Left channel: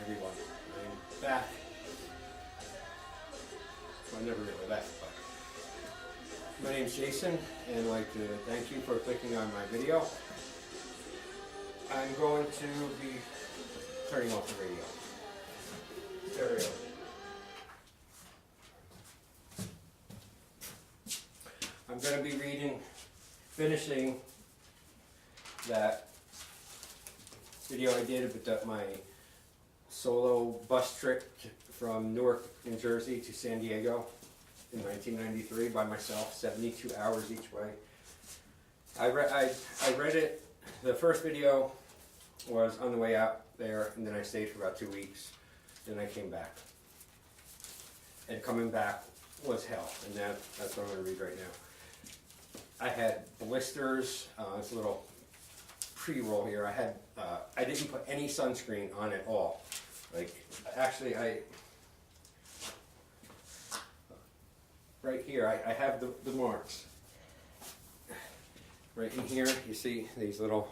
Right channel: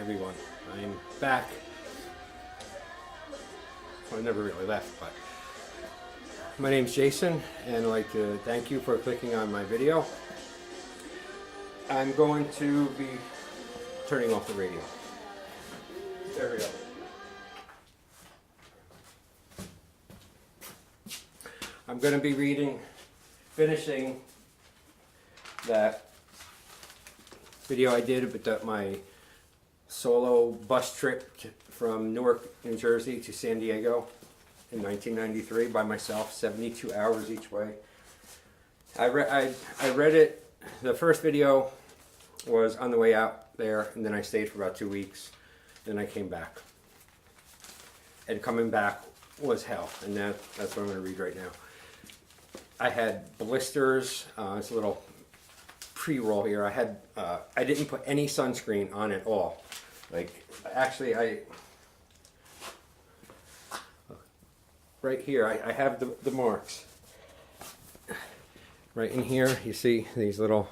everyone. I'm back. Well, I never really left, but my name's Jason, and I'd like to thank you for clicking on my video. I'm going to be turning off the radio. There we go. I'm going to be finishing that video I did about my solo bus trip from Newark, New Jersey to San Diego in 1993 by myself, 72 hours each way. I read it. The first video was on the way out there, and then I stayed for about 2 weeks. Then I came back. And coming back was hell, and that's what I'm going to read right now. I had blisters. It's a little pre-roll here. I didn't put any sunscreen on at all. Like, actually, right here, I have the marks. Right in here, you see these little,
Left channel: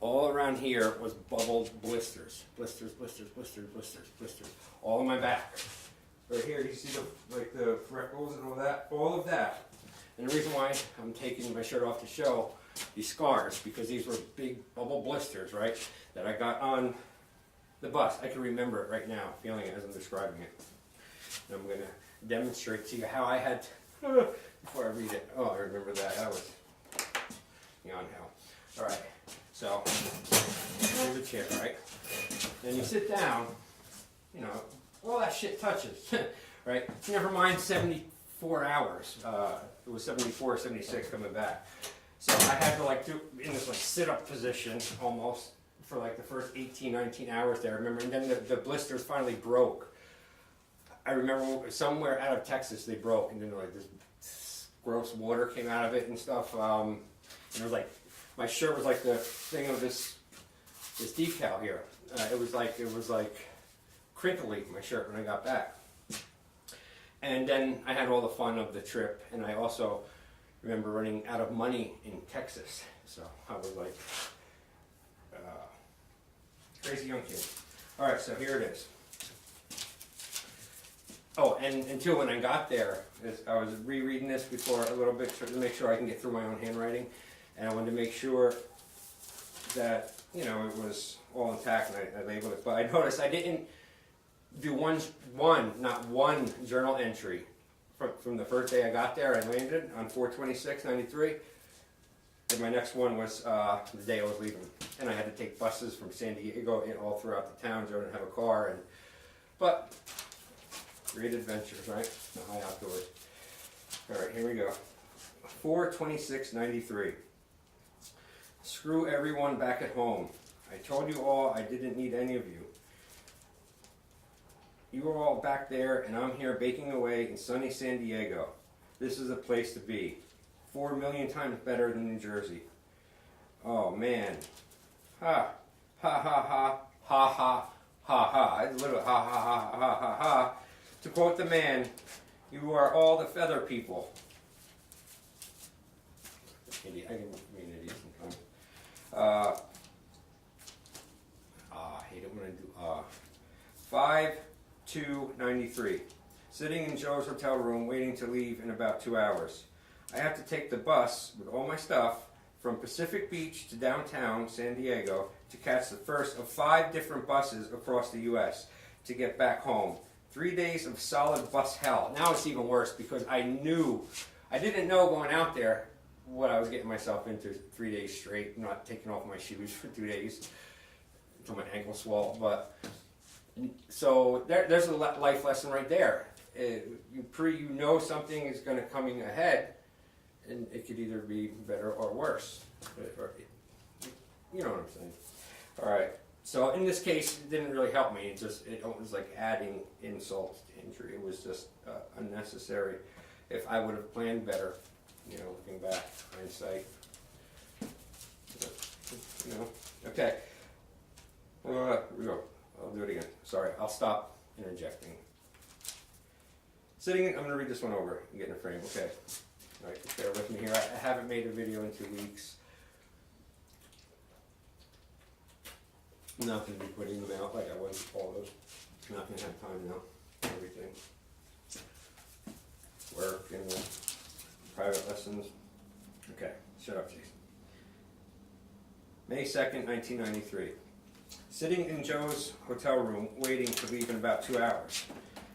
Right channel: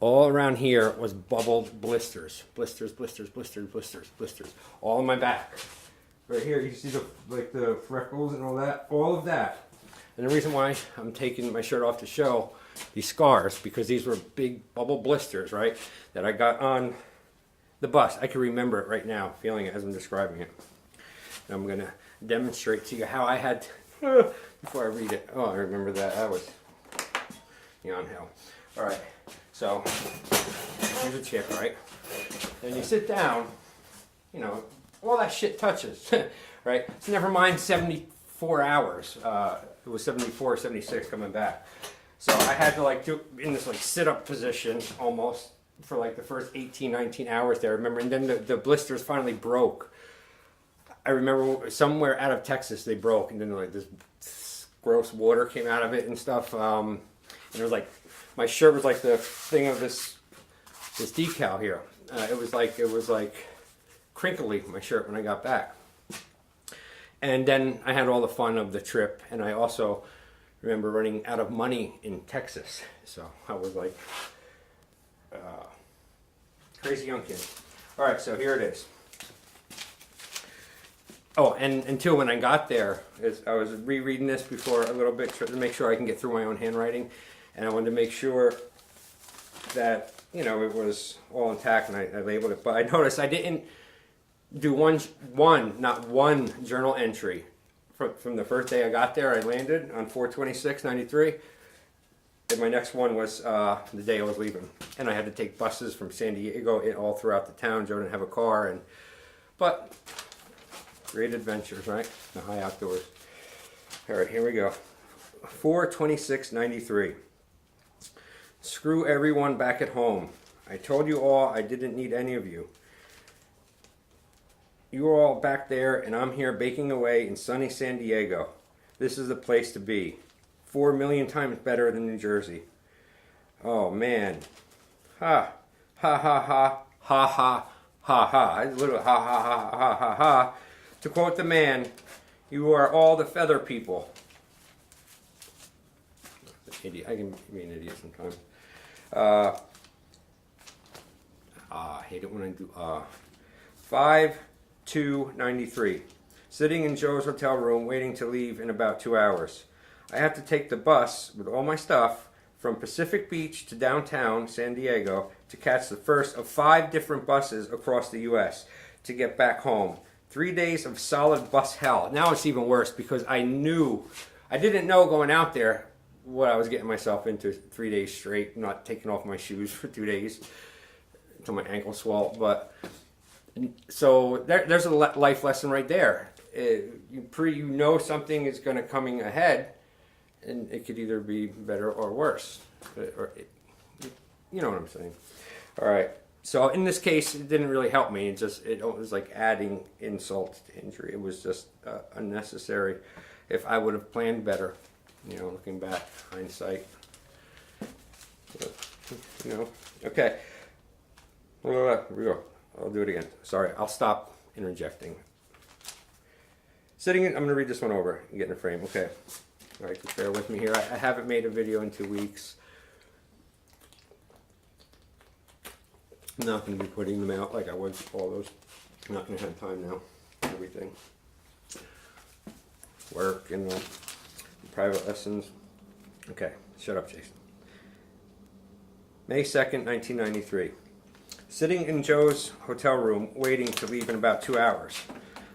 all around here was bubbled blisters. Blisters, blisters, blisters, blisters, blisters. All on my back. Right here, you see the freckles and all of that. And the reason why I'm taking my shirt off to show these scars, because these were big bubble blisters, right, that I got on the bus. I can remember it right now, feeling it as I'm describing it. And I'm going to demonstrate to you how I had, before I read it. Oh, I remember that. That was beyond hell. All right, so here's a chair, right? And you sit down, you know, all that shit touches, right? Never mind 74 hours. It was 74, 76 coming back. So I had to like do in this like sit-up position almost for like the first 18, 19 hours there. Remember, and then the blisters finally broke. I remember somewhere out of Texas they broke, and then like this gross water came out of it and stuff. And it was like, my shirt was like the thing of this decal here. It was like crinkly, my shirt, when I got back. And then I had all the fun of the trip, and I also remember running out of money in Texas. So I was like crazy young kid. All right, so here it is. Oh, and until when I got there, I was rereading this before a little bit to make sure I can get through my own handwriting, and I wanted to make sure that, you know, it was all intact, and I labeled it. But I noticed I didn't do not one journal entry from the first day I got there. I landed on 4/26/93, and my next one was the day I was leaving, and I had to take buses from San Diego all throughout the town. Joe didn't have a car, but great adventures, right? The high outdoors. All right, here we go. 4/26/93. Screw everyone back at home. I told you all I didn't need any of you. You're all back there, and I'm here baking away in sunny San Diego. This is the place to be. 4 million times better than New Jersey. Oh, man. Ha. Ha, ha, ha. Ha, ha, ha, ha. It's literally ha, ha, ha, ha, ha, ha. To quote the man, you are all the feather people. Idiot. I can be an idiot sometimes. I hate it when I do 5/2/93. Sitting in Joe's hotel room waiting to leave in about 2 hours. I have to take the bus with all my stuff from Pacific Beach to downtown San Diego to catch the first of 5 different buses across the U.S. to get back home. 3 days of solid bus hell. Now it's even worse because I didn't know going out there what I was getting myself into. 3 days straight, not taking off my shoes for 2 days until my ankle swelled. But so there's a life lesson right there. You know something is going to coming ahead, and it could either be better or worse. You know what I'm saying. All right. So in this case, it didn't really help me. It was like adding insult to injury. It was just unnecessary. If I would have planned better, you know, looking back, hindsight. You know. Okay. Here we go. I'll do it again. Sorry, I'll stop interjecting. I'm going to read this one over and get in a frame. Okay. All right, just bear with me here. I haven't made a video in 2 weeks. I'm not going to be putting them out like I was with all those. I'm not going to have time now. Everything. Work and private lessons. Okay, shut up, Jason. May 2nd, 1993. Sitting in Joe's hotel room, waiting to leave in about 2 hours.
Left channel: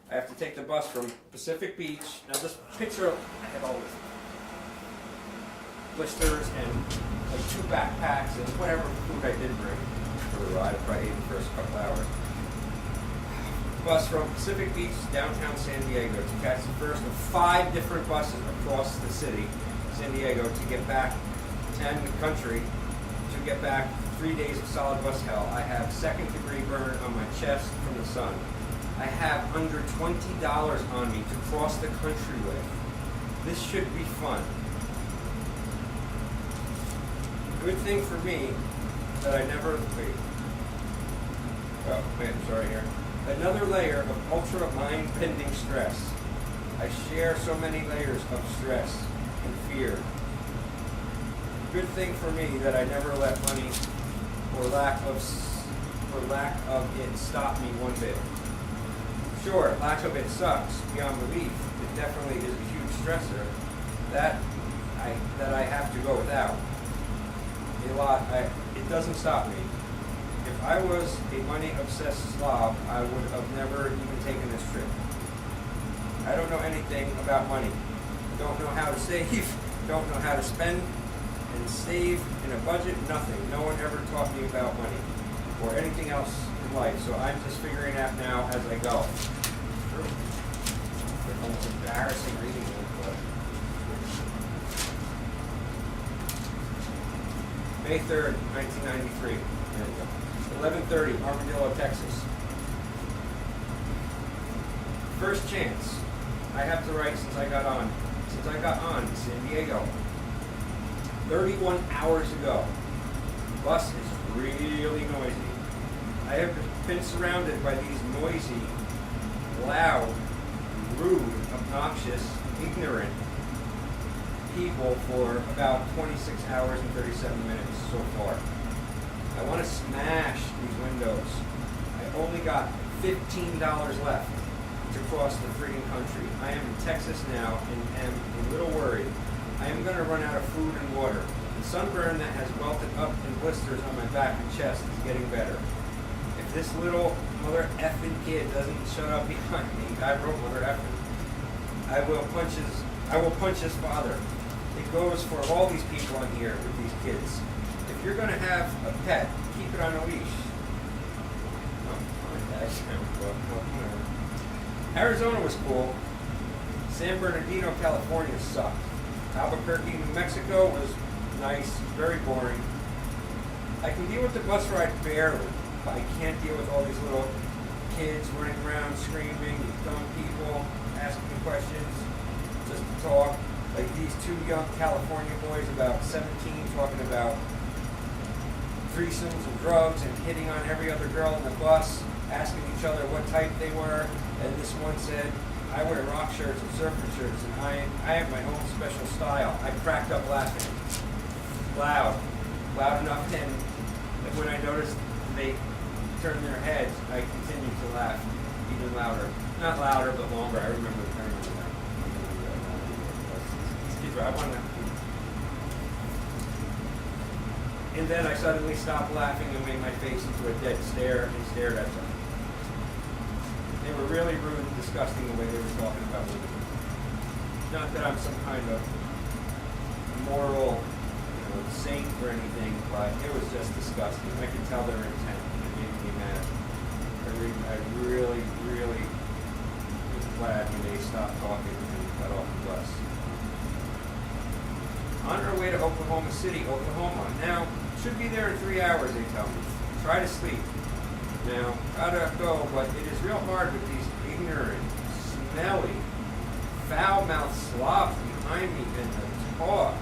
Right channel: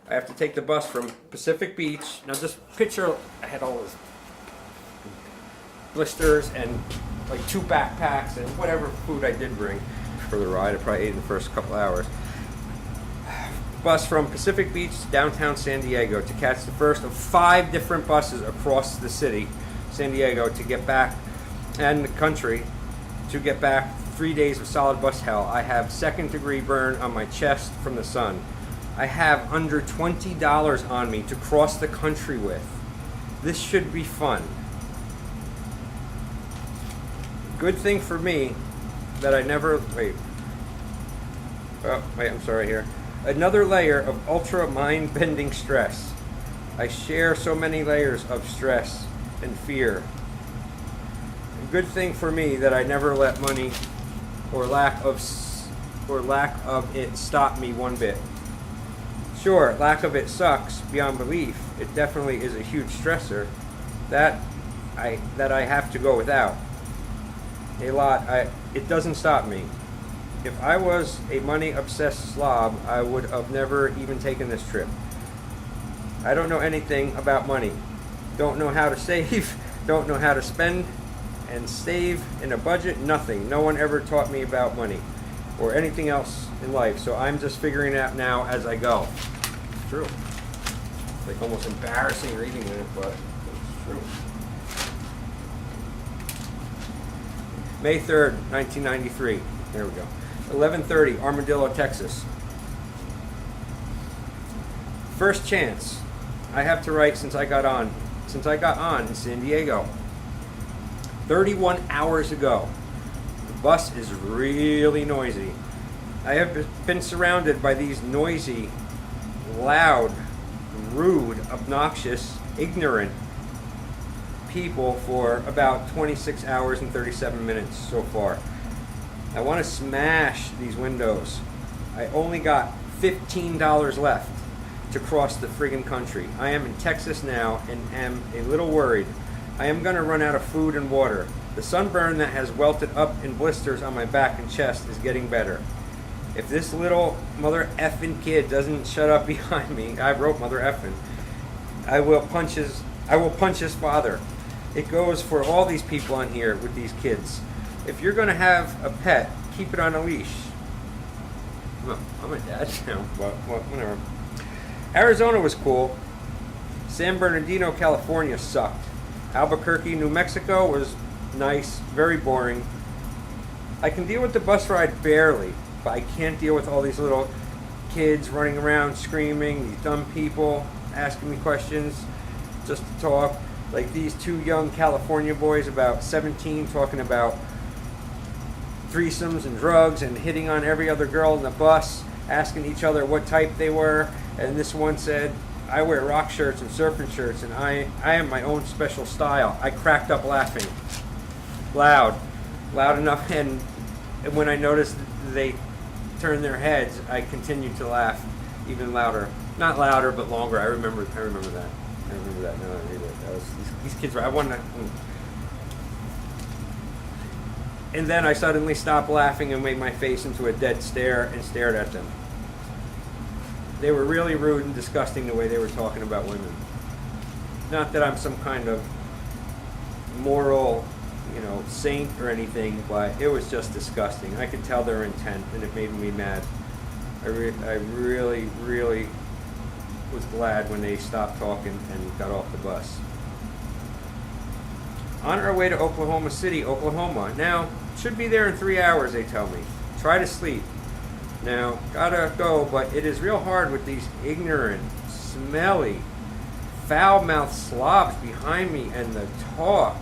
I have to take the bus from Pacific Beach. Now just picture, I had all this blisters and like 2 backpacks and whatever food I did bring for the ride. I probably ate in the first couple hours. Bus from Pacific Beach to downtown San Diego to catch the first of 5 different buses across the city, San Diego, to get back, and the country, to get back 3 days of solid bus hell. I have second-degree burn on my chest from the sun. I have under $20 on me to cross the country with. This should be fun. Good thing for me that I never, I'm sorry here. Another layer of ultra mind-bending stress. I share so many layers of stress and fear. Good thing for me that I never let money or lack of it stop me one bit. Sure, lack of it sucks beyond belief. It definitely is a huge stressor that I have to go without. It doesn't stop me. If I was a money-obsessed slob, I would have never even taken this trip. I don't know anything about money. Don't know how to save, don't know how to spend and save in a budget, nothing. No one ever taught me about money or anything else in life, so I'm just figuring it out now as I go. It's true. It's almost embarrassing reading it, but it's true. May 3rd, 1993. There we go. 11:30, Armadillo, Texas. First chance I have to write since I got on San Diego. 31 hours ago. Bus is really noisy. I have been surrounded by these noisy, loud, rude, obnoxious, ignorant people for about 26 hours and 37 minutes so far. I want to smash these windows. I only got $15 left to cross the friggin' country. I am in Texas now and am a little worried. I am going to run out of food and water. The sunburn that has welted up in blisters on my back and chest is getting better. If this little mother effing kid doesn't shut up behind me, I wrote mother effing, I will punch his father. It goes for all these people in here with these kids. If you're going to have a pet, keep it on a leash. Well, I'm a dad, whatever. Arizona was cool. San Bernardino, California sucked. Albuquerque, New Mexico was nice, very boring. I can deal with the bus ride barely, but I can't deal with all these little kids running around screaming, these dumb people asking me questions just to talk. Like these 2 young California boys about 17 talking about threesomes and drugs and hitting on every other girl in the bus, asking each other what type they were. And this one said, I wear rock shirts and surfing shirts and I have my own special style. I cracked up laughing. Loud enough, and when I noticed they turned their heads, I continued to laugh even louder. Not louder, but longer. I remember that. I remember that now. These kids, I wanted to... And then I suddenly stopped laughing and made my face into a dead stare and stared at them. They were really rude and disgusting the way they were talking about women. Not that I'm some kind of moral, saint or anything, but it was just disgusting. I could tell their intent, and it made me mad. I really, really was glad when they stopped talking and got off the bus. On our way to Oklahoma City, Oklahoma. Now, should be there in 3 hours, they tell me. Try to sleep. Now, gotta go, but it is real hard with these ignorant, smelly, foul-mouthed slobs behind me and the talk.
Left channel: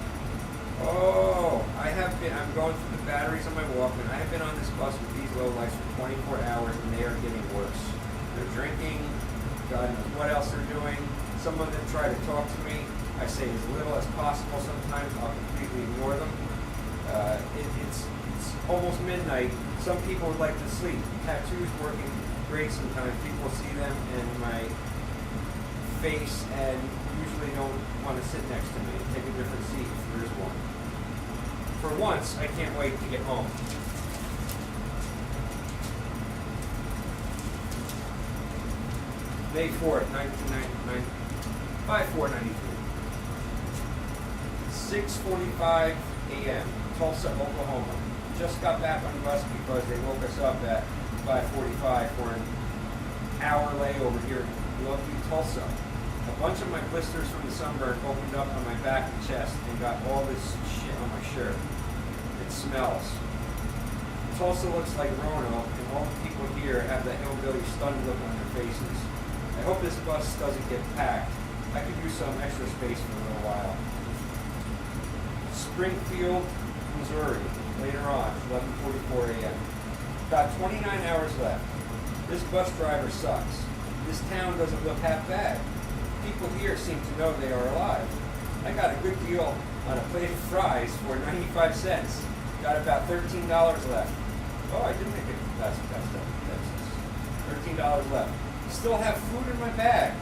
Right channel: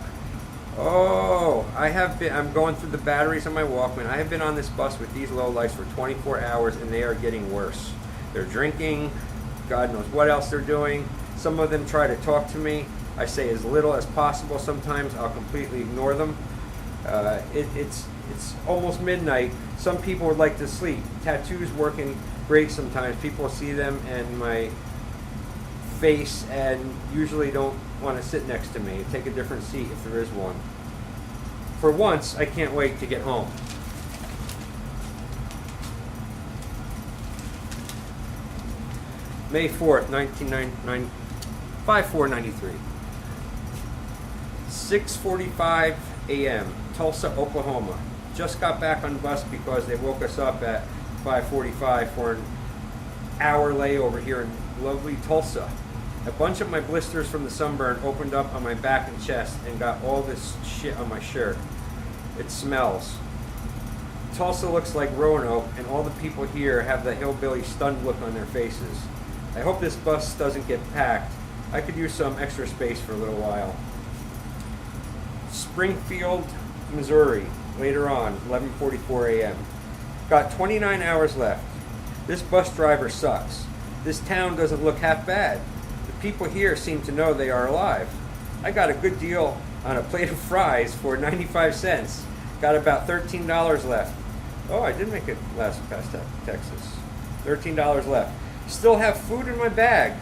Oh, I'm going through the batteries on my Walkman. I have been on this bus with these lowlifes for 24 hours and they are getting worse. They're drinking, God knows what else they're doing. Some of them try to talk to me. I say as little as possible sometimes. I'll completely ignore them. It's It's almost midnight. Some people would like to sleep. Tattoos working great sometimes. People see them in my face and usually don't want to sit next to me. Take a different seat if there is one. For once, I can't wait to get home. May 4th, 1999, 5/4/93. 6:45 a.m. Tulsa, Oklahoma. Just got back on the bus because they woke us up at 5:45 for an hour layover here in lovely Tulsa. A bunch of my blisters from the sunburn opened up on my back and chest and got all this shit on my shirt. It smells. Tulsa looks like Roanoke, and all the people here have the hillbilly stunned look on their faces. I hope this bus doesn't get packed. I could use some extra space for a little while. Springfield, Missouri, later on, 11:44 a.m. Got 29 hours left. This bus driver sucks. This town doesn't look half bad. People here seem to know they are alive. I got a good deal on a plate of fries for 95 cents. Got about $13 left. Oh, I did make it last past Texas. $13 left. Still have food in my bag.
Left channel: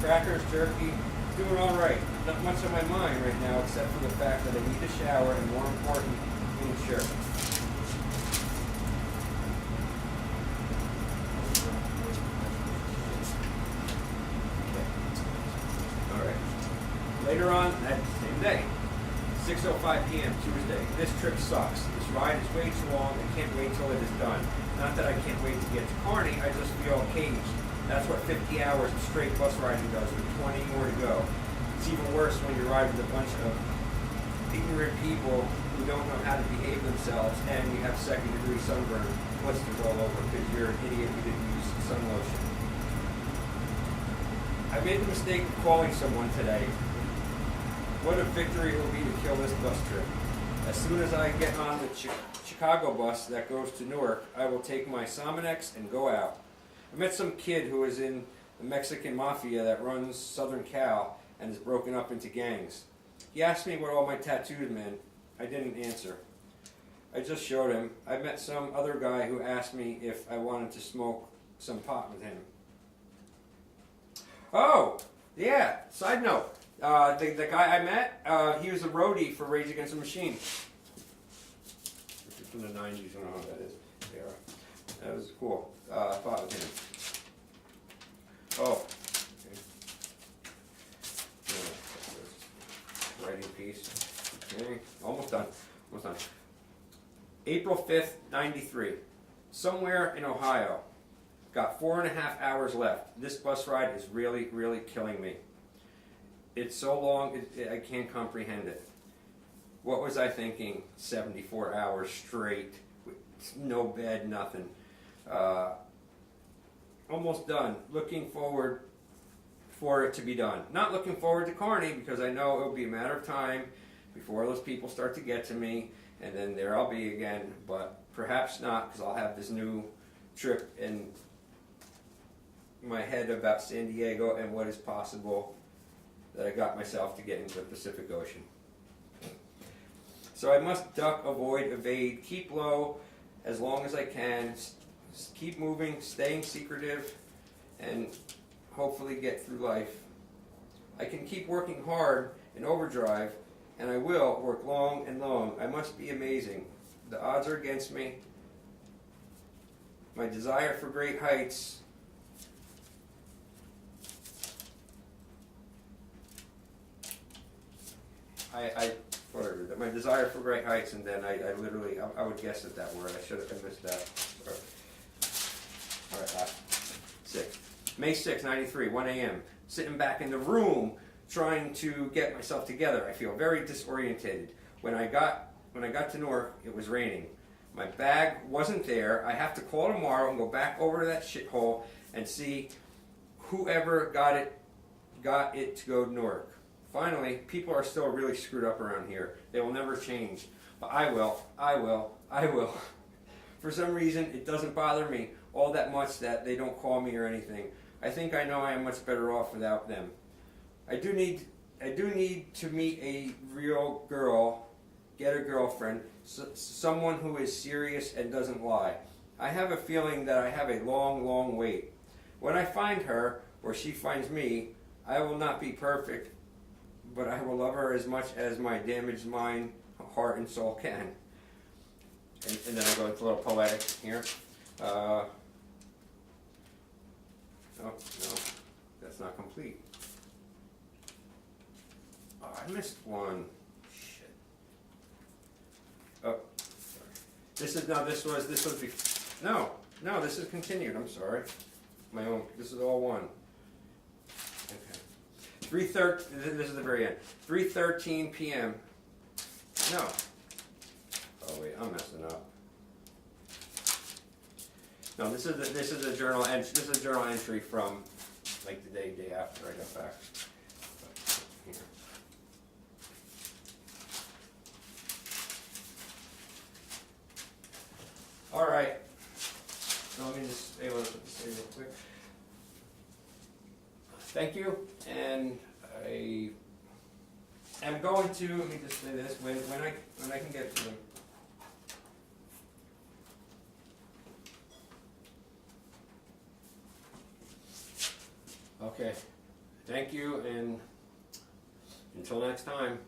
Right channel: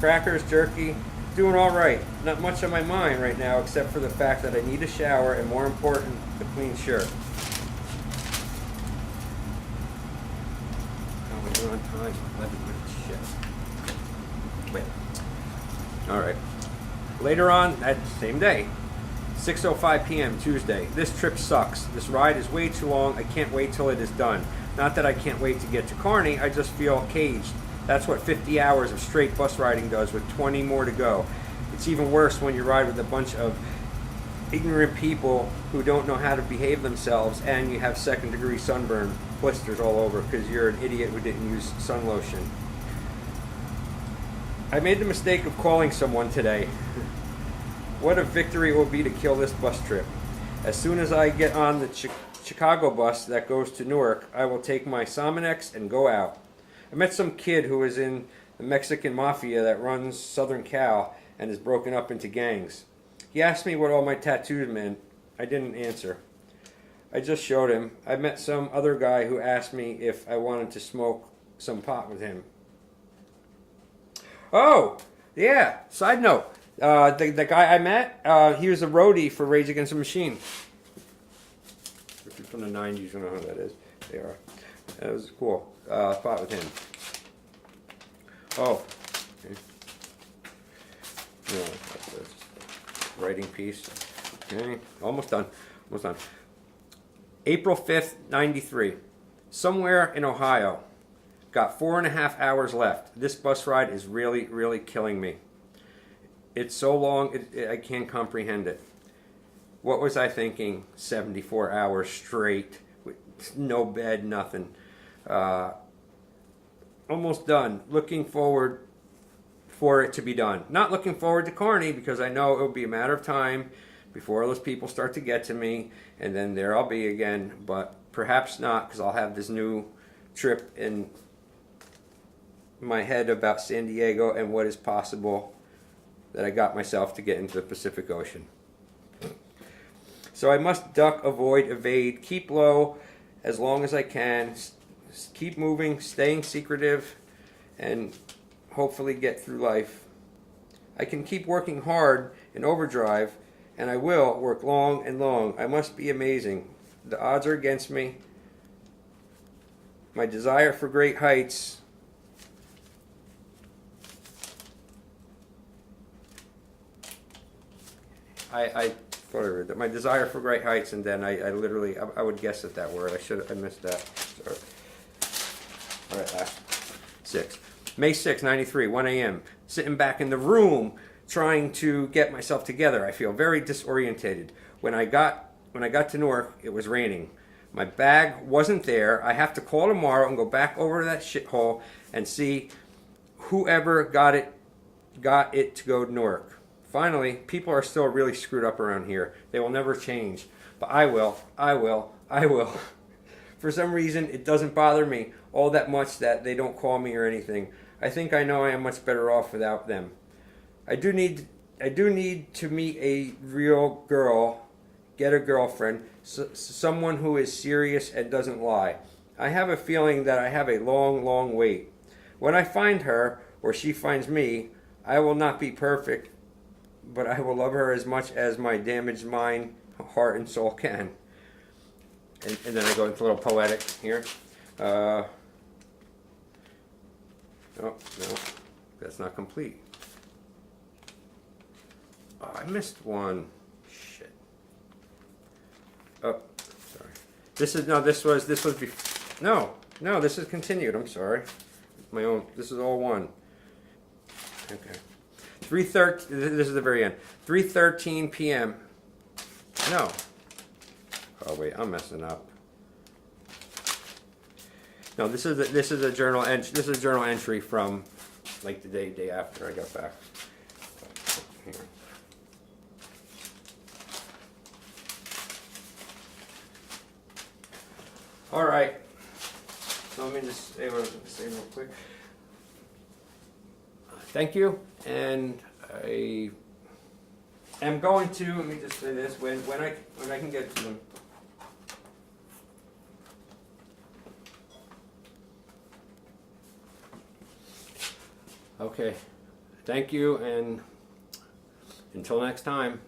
Crackers, jerky, doing all right. Not much on my mind right now except for the fact that I need a shower and, more important, a clean shirt. All right. Later on that same day, 6:05 p.m. Tuesday. This trip sucks. This ride is way too long. I can't wait till it is done. Not that I can't wait to get to Kearney, I just feel caged. That's what 50 hours of straight bus riding does with 20 more to go. It's even worse when you ride with a bunch of ignorant people who don't know how to behave themselves and you have second-degree sunburn blisters all over because you're an idiot who didn't use sun lotion. I made the mistake of calling someone today. What a victory it will be to kill this bus trip. As soon as I get on the Chicago bus that goes to Newark, I will take my Sominex and go out. I met some kid who is in the Mexican mafia that runs Southern Cal and is broken up into gangs. He asked me what all my tattoos meant. I didn't answer. I just showed him. I met some other guy who asked me if I wanted to smoke some pot with him. Oh, yeah, side note. The guy I met, he was a roadie for Rage Against the Machine. If you're from the 90s, you know who that is. They are. That was cool. Fought with him. Oh. Okay. Yeah, writing piece. Okay. Almost done. Almost done. April 5th, 93. Somewhere in Ohio. Got 4.5 hours left. This bus ride is really, really killing me. It's so long, I can't comprehend it. What was I thinking? 74 hours straight, with no bed, nothing. Almost done. Looking forward for it to be done. Not looking forward to Kearney because I know it will be a matter of time before those people start to get to me, and then there I'll be again. But perhaps not, because I'll have this new trip in my head about San Diego and what is possible that I got myself to get into the Pacific Ocean. So I must duck, avoid, evade, keep low as long as I can, keep moving, staying secretive, and hopefully get through life. I can keep working hard in overdrive, and I will work long and long. I must be amazing. The odds are against me. My desire for great heights I my desire for great heights, and then I literally, I would guess at that word. I missed that. Sorry. All right, 6. May 6, 93, 1 a.m. Sitting back in the room trying to get myself together. I feel very disorientated. When I got to Newark, it was raining. My bag wasn't there. I have to call tomorrow and go back over to that shithole and see whoever got it to go to Newark. Finally, people are still really screwed up around here. They will never change. But I will. For some reason, it doesn't bother me all that much that they don't call me or anything. I think I know I am much better off without them. I do need to meet a real girl get a girlfriend, someone who is serious and doesn't lie. I have a feeling that I have a long, long wait. When I find her, or she finds me, I will not be perfect, but I will love her as much as my damaged mind, heart, and soul can. And then I go into a little poetic here. Oh, no, that's not complete. Oh, I missed one. Shit. Oh, sorry. This was this is continued. I'm sorry. My own. This is all one. Okay. 3:13. This is the very end. 3:13 p.m. No. Oh wait, I'm messing up. No, this is a journal entry. This is a journal entry from like the day after I got back. Here. All right. So let me just say real quick. Thank you, and I am going to. Let me just say this: when I can get to them. Okay, thank you, and until next time.